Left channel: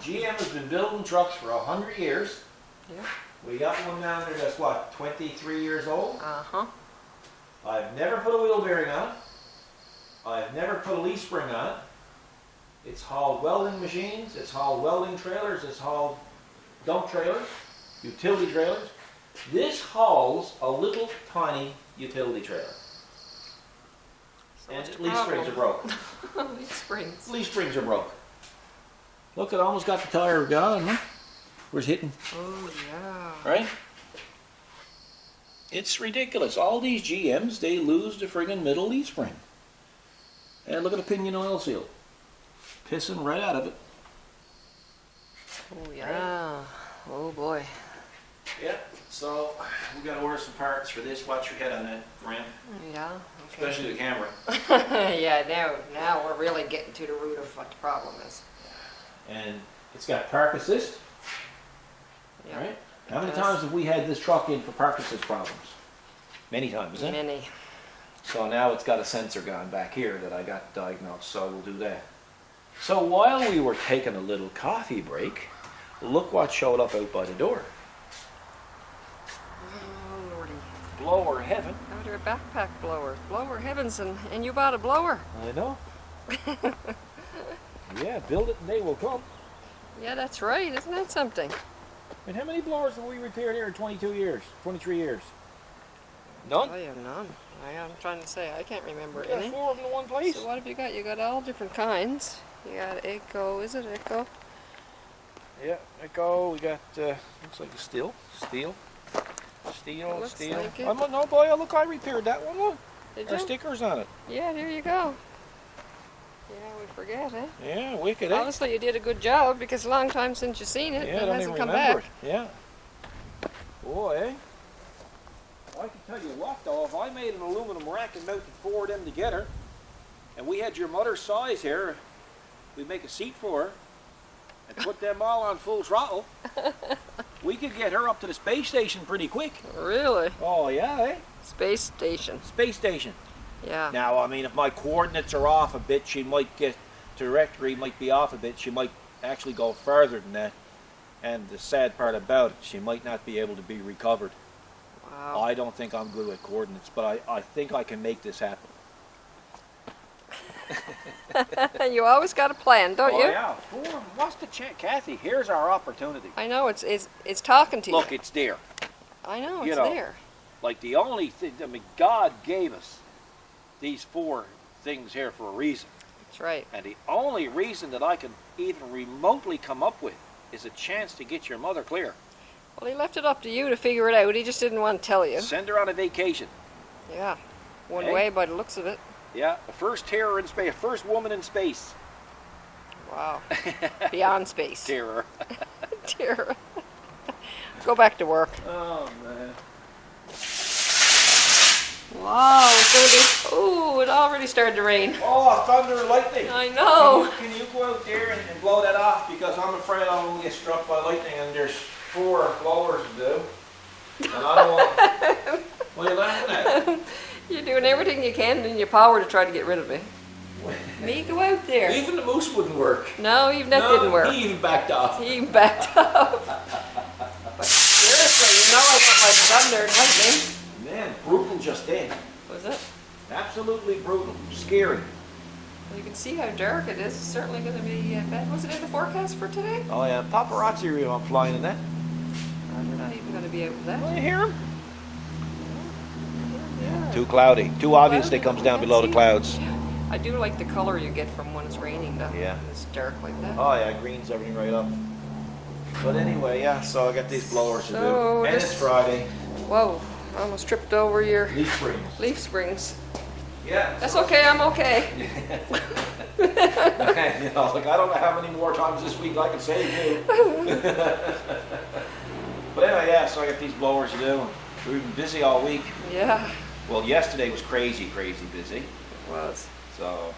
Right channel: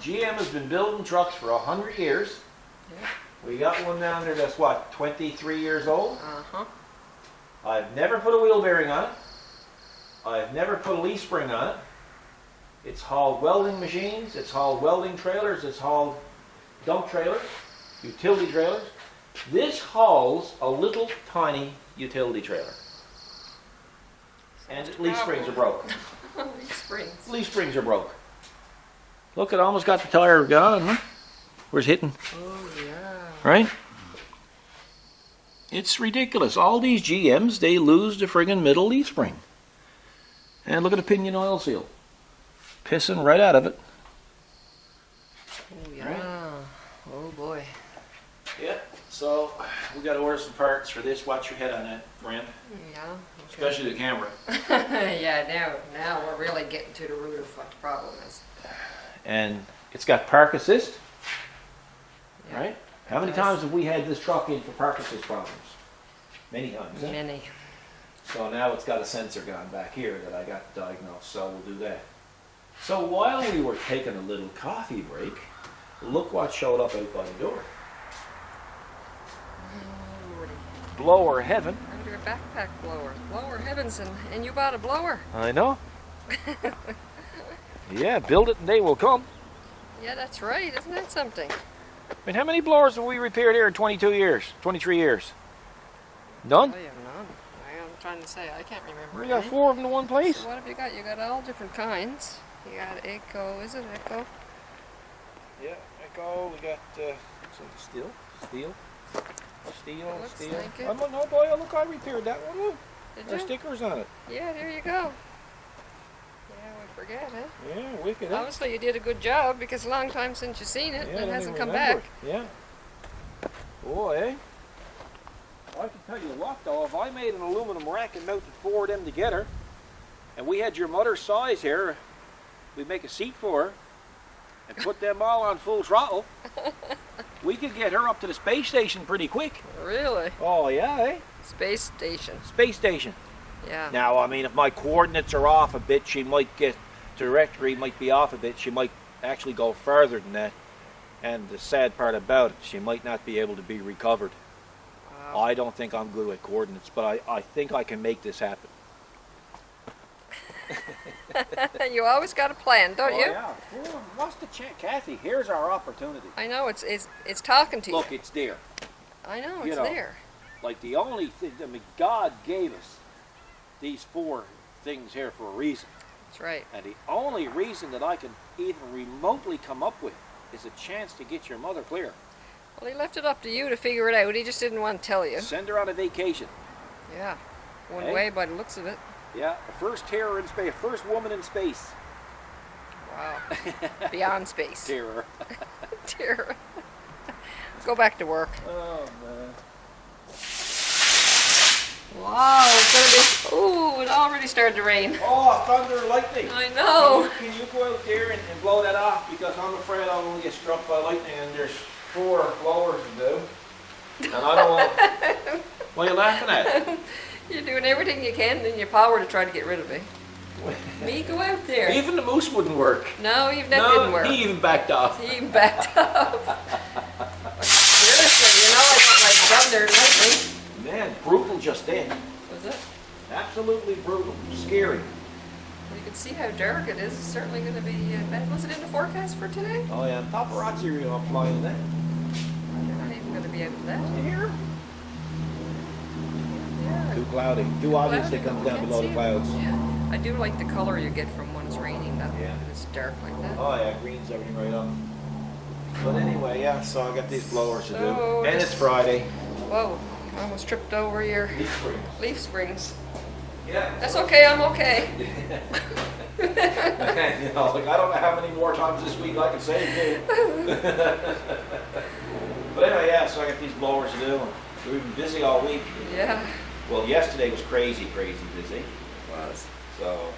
GM has been building trucks for 100 years. We got one down there that's what, 23 years old? Uh-huh. I've never put a wheel bearing on it. I've never put a leaf spring on it. It's hauled welding machines, it's hauled welding trailers, it's hauled dump trailers, utility trailers. This hauls a little tiny utility trailer. And leaf springs are broke. Leaf springs. Leaf springs are broke. Look, it almost got the tire gone, huh? Where's hitting? Oh, yeah. Right? It's ridiculous. All these GMs, they lose the friggin' middle leaf spring. And look at the pinion oil seal. Pissing right out of it. Oh, yeah. Oh, boy. Yeah, so we got to order some parts for this. Watch your head on that, Graham. Yeah. Okay. Especially the camera. Yeah, now we're really getting to the root of what the problem is. And it's got park assist, right? How many times have we had this truck in for park assist problems? Many times, eh? Many. So now it's got a sensor gone back here that I got diagnosed, so we'll do that. So while we were taking a little coffee break, look what showed up out by the door. Oh, Lordy. Blower heaven. Your backpack blowers. Blower heavens, and you bought a blower. I know. Yeah, build it and they will come. Yeah, that's right. Isn't that something? I mean, how many blowers have we repaired here in 22 years, 23 years? None? I have none. I'm trying to say, I can't remember. We got 4 of them in one place. So what have you got? You got all different kinds. You got Echo, is it Echo? Yeah, Echo, we got, looks like a steel. Looks I'm no boy, look, I repaired that one, look. Did There are you? stickers on it. Yeah, there you go. Yeah, we forget it. Yeah, wicked, eh? Honestly, you did a good job because a long time since you've seen it. Yeah, I It don't even hasn't come remember back. it. Yeah. Boy, eh? I can tell you what, though, if I made an aluminum rack and mounted 4 of them together, and we had your mother's size here, we'd make a seat for her, and put them all on full throttle, we could get her up to the space station pretty quick. Really? Oh, yeah, eh? Space station. Space station. Yeah. Now, I mean, if my coordinates are off a bit, she might get, trajectory might be off a bit, she might actually go further than that. And the sad part about it, she might not be able to be recovered. Wow. I don't think I'm good with coordinates, but I think I can make this happen. You always got a plan, don't Oh you? yeah, what's the chance? Kathy, here's our opportunity. I know, it's talking to you. Look, it's there. I know, you it's know. there. Like the only thing, I mean, God gave us these 4 things here for a reason. That's right. And the only reason that I can even remotely come up with is a chance to get your mother clear. Well, he left it up to you to figure it out. He just didn't want to tell you. Send her on a vacation. Yeah. Went Hey? away by the looks of it. Yeah, the first terror in space, first woman in space. Wow. Beyond space. Terror. Terror. Let's go back to work. Oh man. Wow. Ooh, it already started to rain. Oh, thunder and lightning. I know. Can you go out there and blow that off? Because I'm afraid I will get struck by lightning and there's 4 blowers to do. And I don't want. What are you laughing at? You're doing everything you can in your power to try to get rid of me. Me, go out there. Even the moose wouldn't work. No, even that didn't No, work. he even backed off. He even backed up. Seriously, you know, if I come there, nothing. Man, brutal just then. Was it? Absolutely brutal. Scary. You can see how dark it is. It's certainly going to be bad. Was it in the forecast for today? Oh yeah, paparazzi are flying in that. Not even going to be You that. hear him? Too cloudy. Too obvious it comes down below the clouds. Yeah. I do like the color you get from when it's raining. That Yeah. It's dark like that. Oh yeah, greens everything right up. But anyway, yeah, so I got these blowers to do. And it's Friday. Whoa, almost tripped over your Leaf springs. leaf springs. Yeah. That's okay, I'm okay. Man, you know, like I don't know how many more times this week I can save you. But anyway, yeah, so I got these blowers to do. We've been busy all week. Yeah, Well, yesterday was crazy busy. it was. So,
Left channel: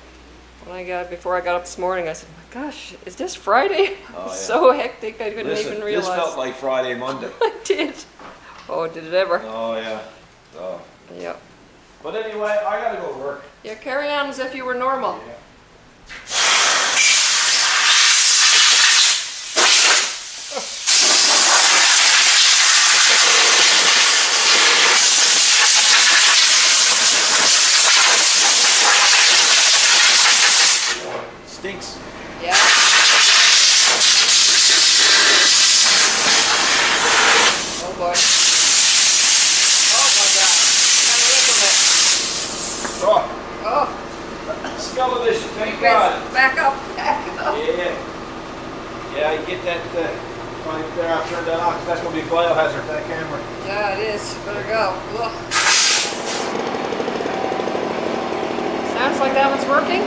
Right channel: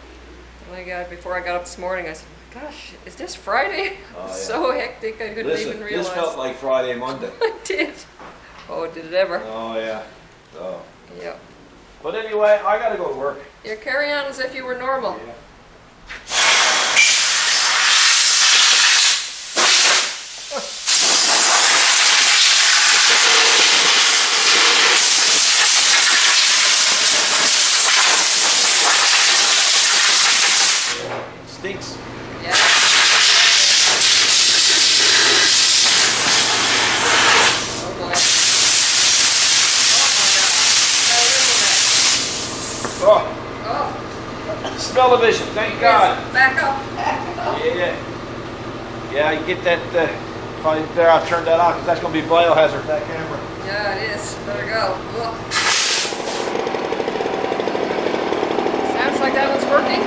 Before I got up this morning, I said, gosh, is this Friday? Oh, yeah. So hectic, I couldn't listen, even realize. this felt like Friday, Monday. I did. Oh, did it ever? Oh yeah. So, Yeah. but anyway, I gotta go to work. Yeah, carry on as if you were normal. Yeah. Oh, Oh, smell the vision, thank God. back up, back up. Yeah. Yeah, you get that, probably there, I'll turn that off, because that's going to be biohazard, that camera. Yeah, it is. Better go. Ugh. Sounds like that one's working.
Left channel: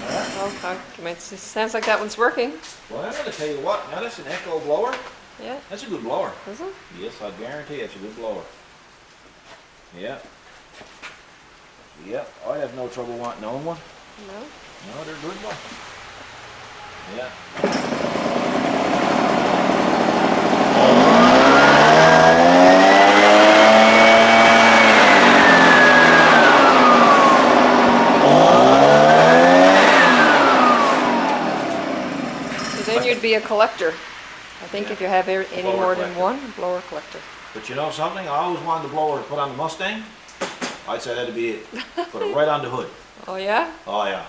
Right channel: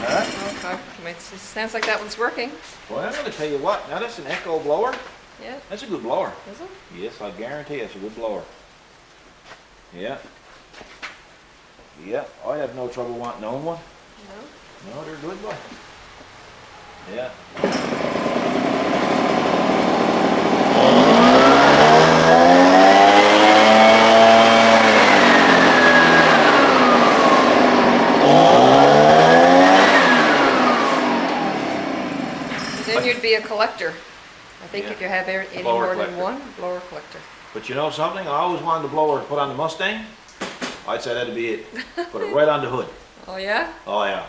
Huh? Sounds like that one's working. Well, I'm going to tell you what, now that's an echo blower. Yeah. That's a good blower. Is it? Yes, I guarantee it's a good blower. Yeah. Yeah, I have no trouble wanting to own one. No, they're good, boy. Yeah. I think you'd be a collector. I think Yeah. if you have any Blower more collector. than one, blower collector. But you know something? I always wanted the blower to put on the Mustang. I'd say that'd be it. Put it right on the hood. Oh, yeah? Oh yeah.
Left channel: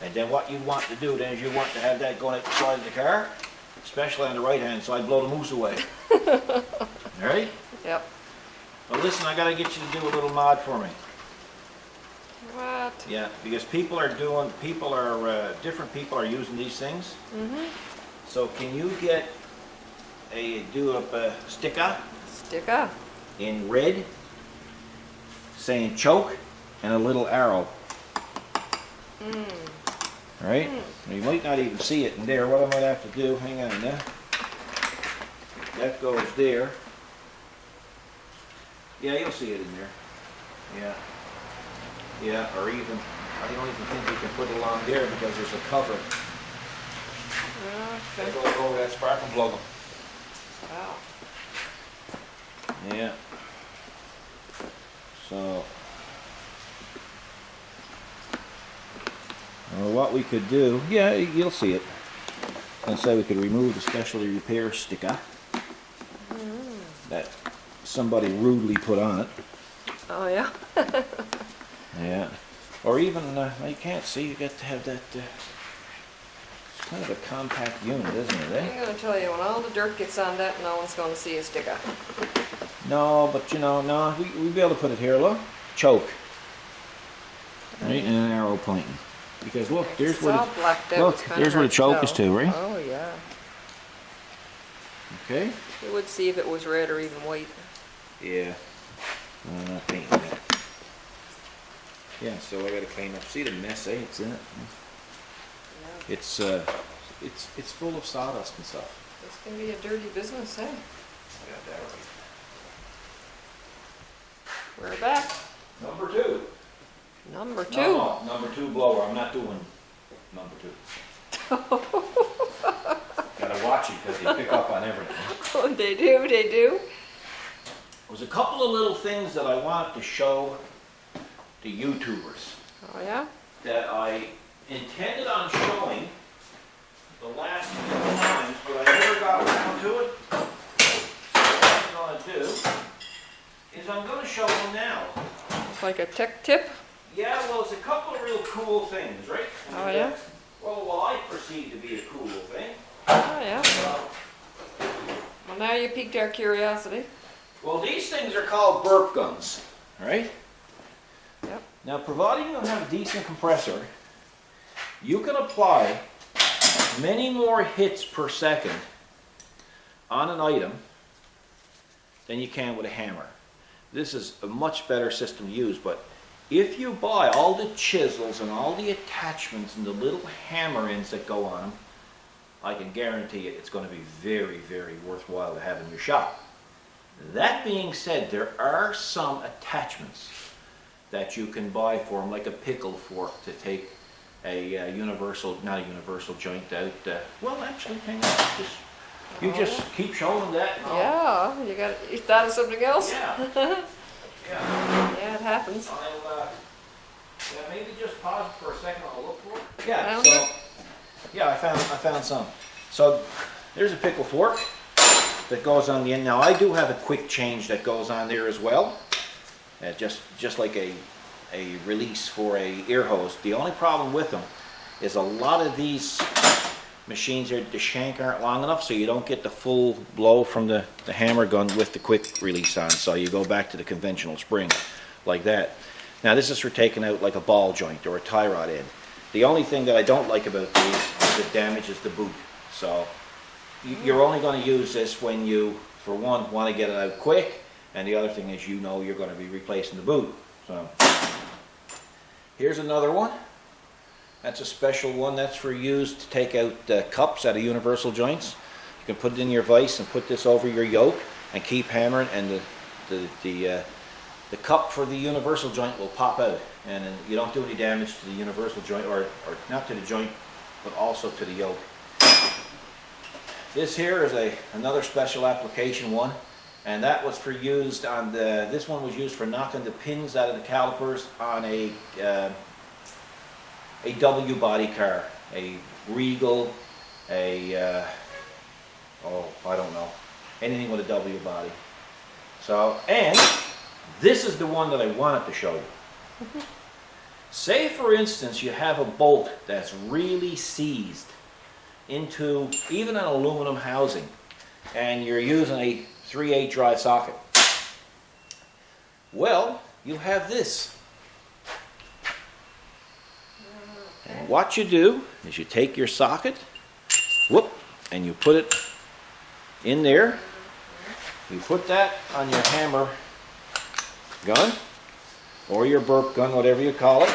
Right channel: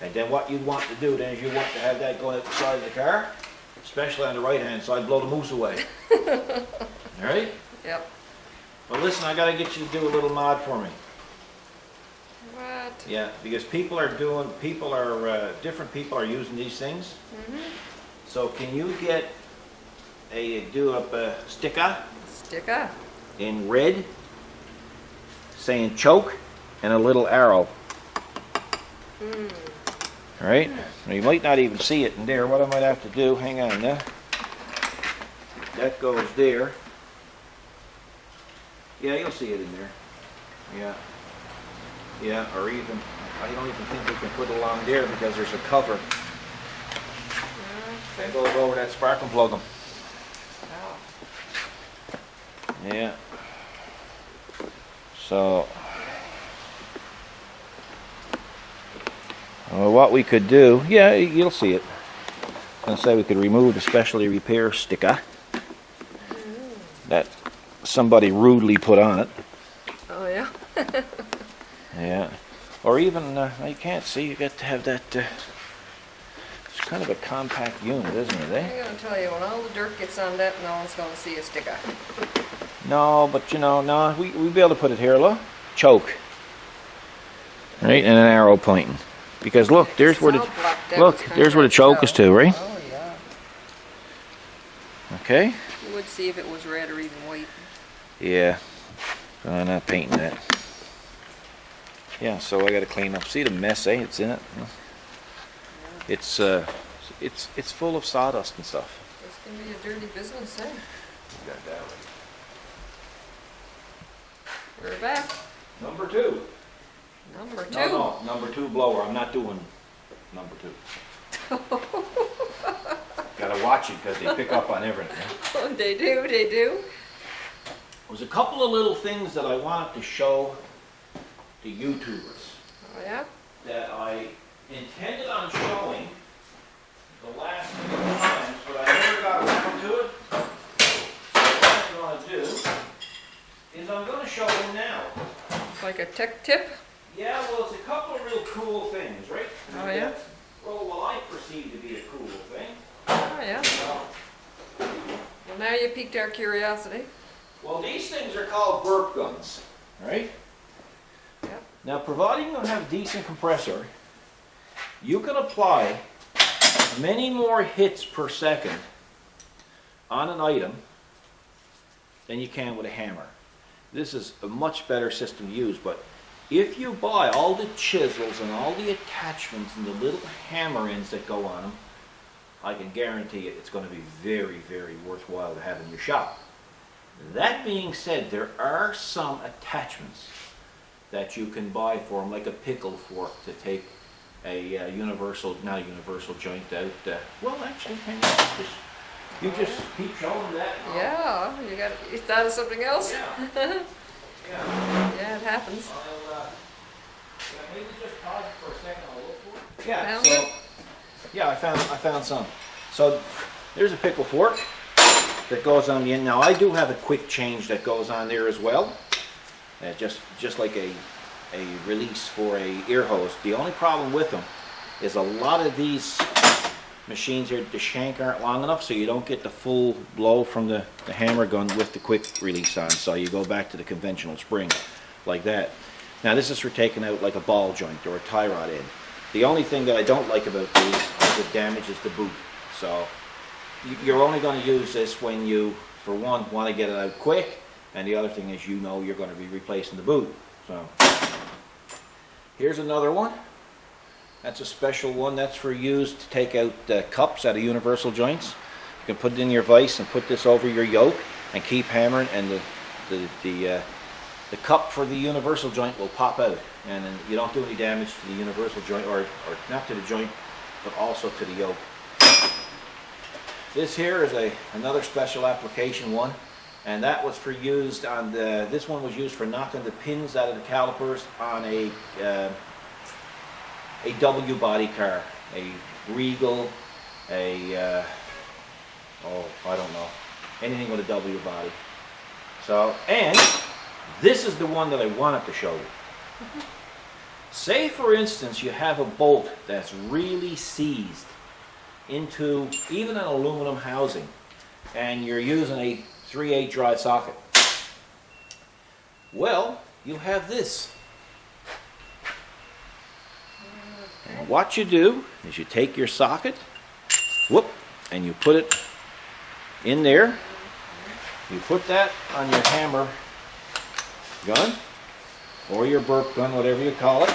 And then what you want to do then is you want to have that going out the side of the car, especially on the right hand side, blow the moose away. All right? Yep. Well listen, I gotta get you to do a little mod for me. What? Yeah, because different people are using these things. So can you get do up a sticker Stick up. in red saying choke and a little arrow. All right? Now, you might not even see it in there. What I might have to do, hang on now. That goes there. Yeah, you'll see it in there. Yeah. Yeah, or even, I don't even think we can put it along there because there's a cover. That goes over that sparking plug. Wow. Yeah. So, what we could do, yeah, you'll see it. I was going to say we could remove the specialty repair sticker that somebody rudely put on it. Oh, yeah? Yeah. Or even, you can't see, you got to have that, it's kind of a compact unit, isn't it, eh? I'm gonna tell you, when all the dirt gets on that, no one's gonna see a sticker. No, but you know, no, we'll be able to put it here, look. Choke. Right, and an arrow pointing. Because look, there's where the, look, there's where the choke is to, right? Oh, yeah. Okay? We would see if it was red or even white. Yeah. I'm not painting that. Yeah, so I gotta clean up. See the mess, eh? It's in it. It's full of sawdust and stuff. It's gonna be a dirty business, eh? We're back. Number two. Number two. No, number two blower. I'm not doing number two. Gotta watch it because they pick up on everything. Oh, they do, they do. There's a couple of little things that I wanted to show the YouTubers Oh, yeah? that I intended on showing the last few times, but I never got around to it. So what I'm going to do is I'm going to show them now. Like a tech tip? Yeah, well, it's a couple of real cool things, right? Oh, yeah? Well, what I perceive to be a cool thing. Oh, yeah. Well, now you piqued our curiosity. Well, these things are called burp guns, right? Now, providing you have a decent compressor, you can apply many more hits per second on an item than you can with a hammer. This is a much better system to use, but if you buy all the chisels and all the attachments and the little hammer ends that go on them, I can guarantee you it's going to be very, very worthwhile to have in your shop. That being said, there are some attachments that you can buy for them, like a pickle fork to take a not a universal joint out. Well, actually, hang on, you just keep showing that. And Yeah, you got, you thought of something else? Yeah. Yeah. Yeah, it happens. Maybe just pause it for a second. I'll look for it. Yeah. Yeah. So, yeah, I found some. So, there's a pickle fork that goes on the end. Now, I do have a quick change that goes on there as well. Just like a release for a ear hose. The only problem with them is a lot of these machines here, the shank aren't long enough, so you don't get the full blow from the hammer gun with the quick release on. So you go back to the conventional spring like that. Now this is for taking out like a ball joint or a tie rod end. The only thing that I don't like about these is it damages the boot. So you're only going to use this when you, for one, want to get it out quick, and the other thing is you know you're going to be replacing the boot. So here's another one. That's a special one. That's for used to take out cups out of universal joints. You can put it in your vise and put this over your yoke and keep hammering, and the cup for the universal joint will pop out, and then you don't do any damage to the universal joint, or not to the joint, but also to the yoke. This here is another special application one, and that was for used on this one was used for knocking the pins out of the calipers on a W body car, a Regal, I don't know, anything with a W body. So, and this is the one that I wanted to show you. Say, for instance, you have a bolt that's really seized into even an aluminum housing, and you're using a 3/8 drive socket. Well, you have this. And what you do is you take your socket, whoop, and you put it in there. You put that on your hammer gun, or your burp gun, whatever you call it,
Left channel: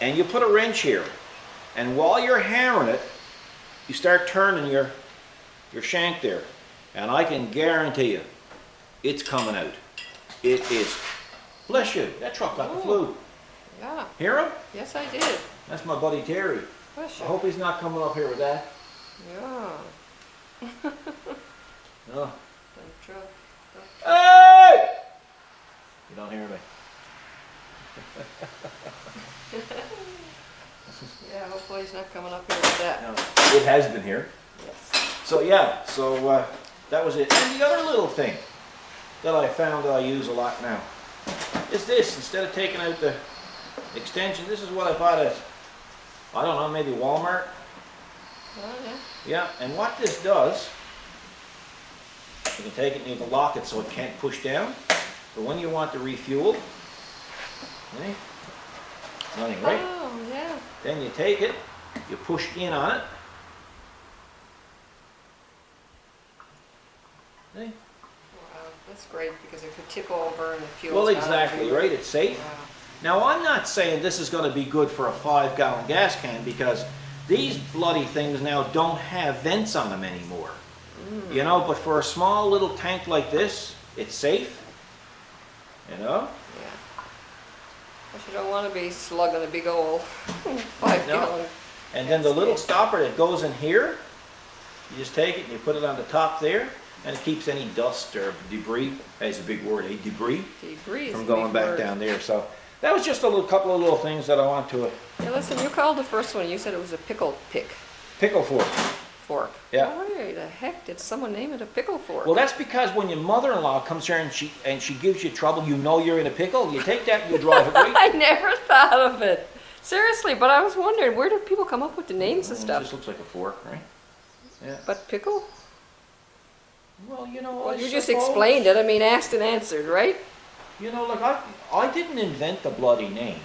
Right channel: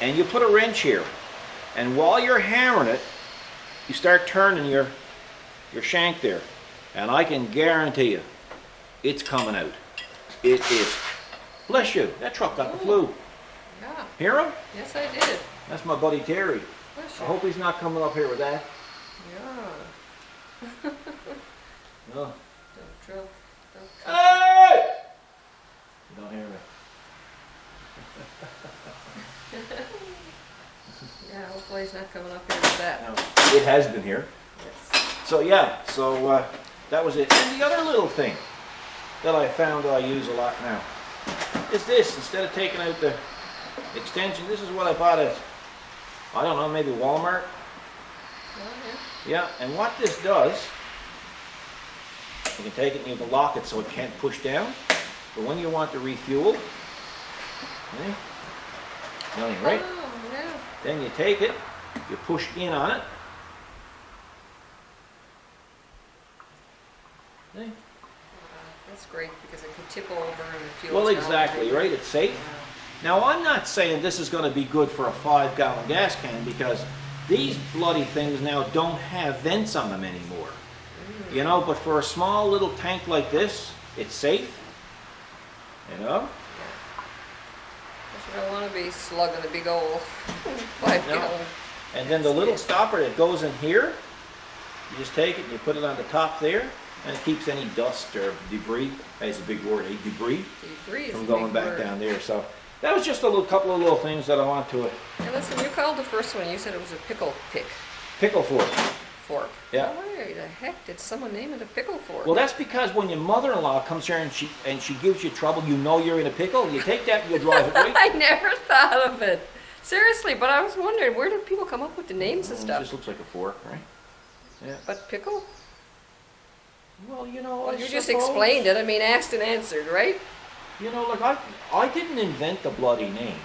and you put a wrench here. And while you're hammering it, you start turning your shank there. And I can guarantee you, it's coming out. It is. Bless you, that truck got the flu. Yeah. Hear him? Yes, I did. That's my buddy Terry. I hope he's not coming up here with that. Yeah. No. The truck. Hey! You don't hear me. Yeah, hopefully he's not coming up here with that. No, it has been here. So yeah, that was it. And the other little thing that I found that I use a lot now is this. Instead of taking out the extension, this is what I bought at, I don't know, maybe Walmart. Oh, Yeah, and what this does, you can take it and you can lock it so it can't push down. But when you want to refuel, see? Nothing, right? Oh, no. Then you take it, you push in on it. See? That's great because it could tip over and the fuel. Well, exactly, right? It's safe. Now, I'm not saying this is going to be good for a 5-gallon gas can, because these bloody things now don't have vents on them anymore. You know, but for a small little tank like this, it's safe. You know? You don't want to be slugging a big old 5 No. gallon. And then the little stopper that goes in here, you just take it and you put it on the top there, and it keeps any dust or debris, that's a big word, debris, from going back down there. So that was just a couple of little things that I want to You called the first one, you said it was a pickle pick pickle for. fork. Yeah. Why the heck did someone name it a pickle fork? Well, that's because when your mother-in-law comes here and she gives you trouble, you know you're in a pickle. You take that and you drive it right. I never thought of it. Seriously, but I was wondering, where do people come up with the names and It stuff? just looks like a fork, right? Yeah. But pickle? Well, you know, I You just suppose. explained it. I mean, asked and answered, right? You know, like I didn't invent the bloody name.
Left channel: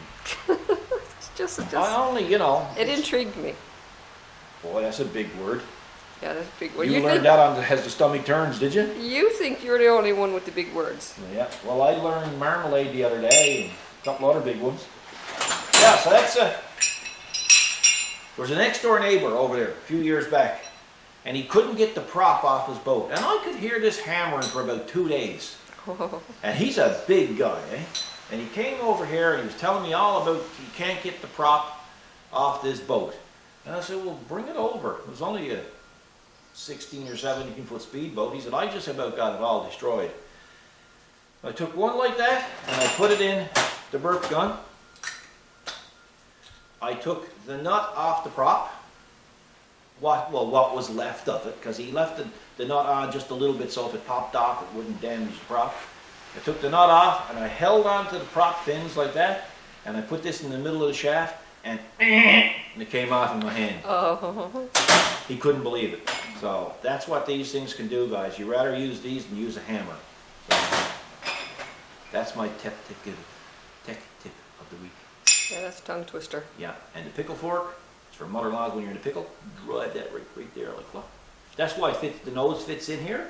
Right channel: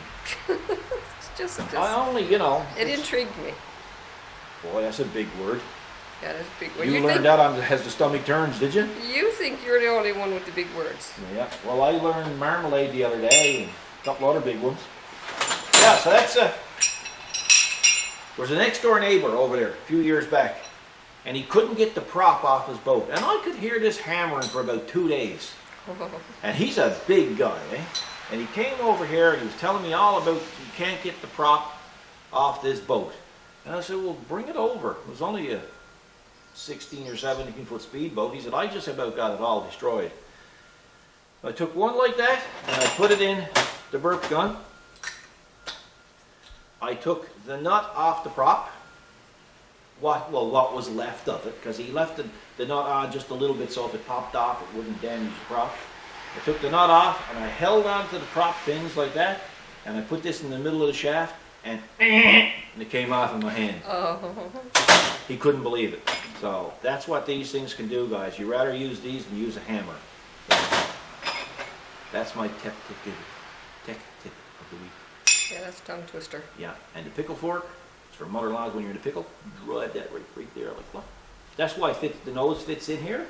It's just, I only, you know. it intrigued me. Boy, that's a big word. That is a big word. You learned that on As the Stomach Turns, did you? You think you're the only one with the big words. Yeah. Well, I learned marmalade the other day and a couple other big ones. Yeah, so that's there was a next door neighbor over there a few years back, and he couldn't get the prop off his boat, and I could hear this hammering for about 2 days. And he's a big guy, eh? And he came over here and he was telling me all about he can't get the prop off this boat. And I said, well, bring it over. It was only a 16 or 17 foot speedboat. He said, I just about got it all destroyed. I took one like that and I put it in the burp gun. I took the nut off the prop. What was left of it, because he left the nut on just a little bit so if it popped off it wouldn't damage the prop. I took the nut off and I held onto the prop fins like that, and I put this in the middle of the shaft, and it came off in my hand. Oh. He couldn't believe it. So that's what these things can do, guys. You rather use these than use a hammer. So that's my tip to give. tech tip of the week. Yeah, that's a tongue twister. Yeah, and the pickle fork, it's for mother-in-laws when you're in a pickle. Drive that right there like that. That's why the nose fits in here.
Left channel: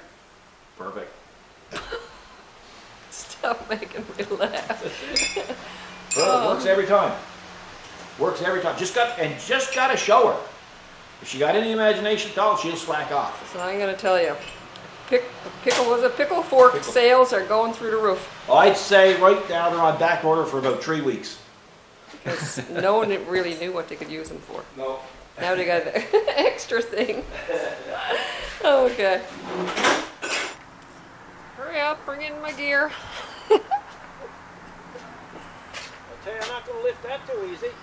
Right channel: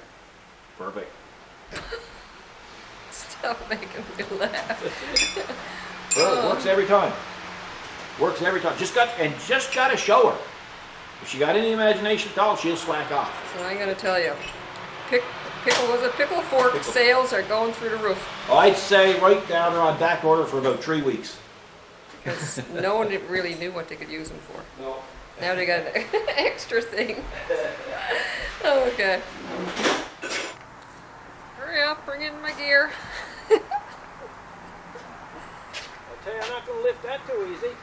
Perfect. Stop making me laugh. It works every time. Works every time. Just gotta show her. If she got any imagination at all, she'll slack off. And I'm gonna tell you, pickle fork Pickle. sales are going through the roof. I'd say right now they're on back order for about 3 weeks. No one really knew what they could use them for. No. Now they got an extra thing. Okay. Hurry up, bring in my gear. I tell you, I'm not gonna lift that too easy.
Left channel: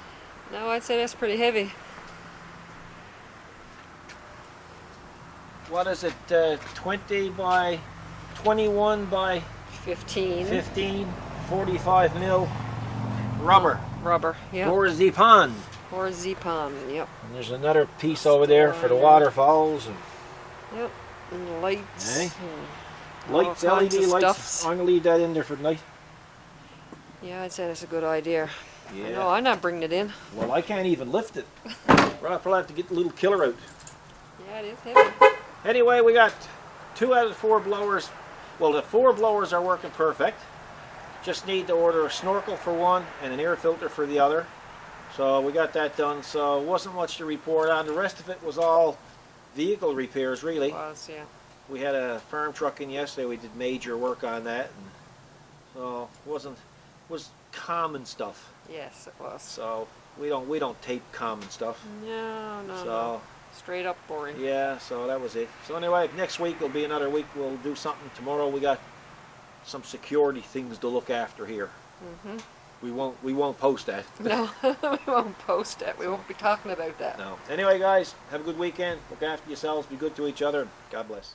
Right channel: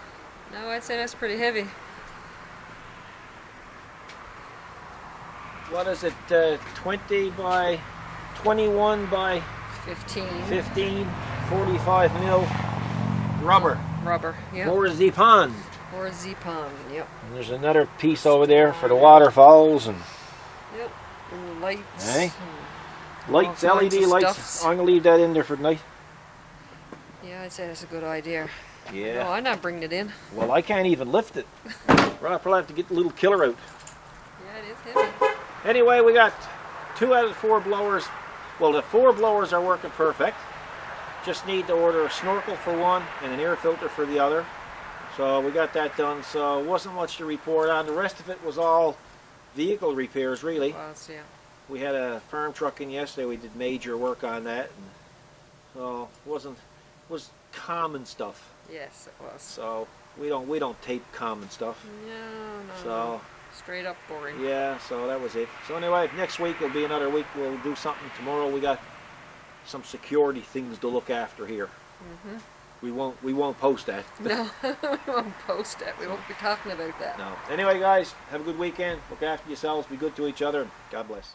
No, I'd say that's pretty heavy. What is it, 20 by 21 by 15. 15, 45 mil rubber. Rubber. Yep. For the pond. Or Z-Pond. Yep. And there's another piece over there for the waterfalls and Yep. And the lights. Hey. and lights, all LED kinds of lights. stuffs. I'm gonna leave that in there for tonight. Yeah, I'd say that's a good idea. Yeah. No, I'm not bringing it in. Well, I can't even lift it. Right, I'll probably have to get the little killer out. Yeah, it is heavy. Anyway, we got 2 out of the 4 blowers. Well, the 4 blowers are working perfect. Just need to order a snorkel for one and an air filter for the other. So we got that done. So it wasn't much to report on. The rest of it was all vehicle repairs, really. Was, yeah. We had a farm truck in yesterday. We did major work on that, and so it was common stuff. Yes, it was. So we don't tape common stuff. No. So Straight up boring. yeah, so that was it. So anyway, next week will be another week. We'll do something. Tomorrow we got some security things to look after here. Mm-hmm. We won't post that. No, we won't post it. We won't be talking about that. No. Anyway, guys, have a good weekend. Look after yourselves. Be good to each other. God bless.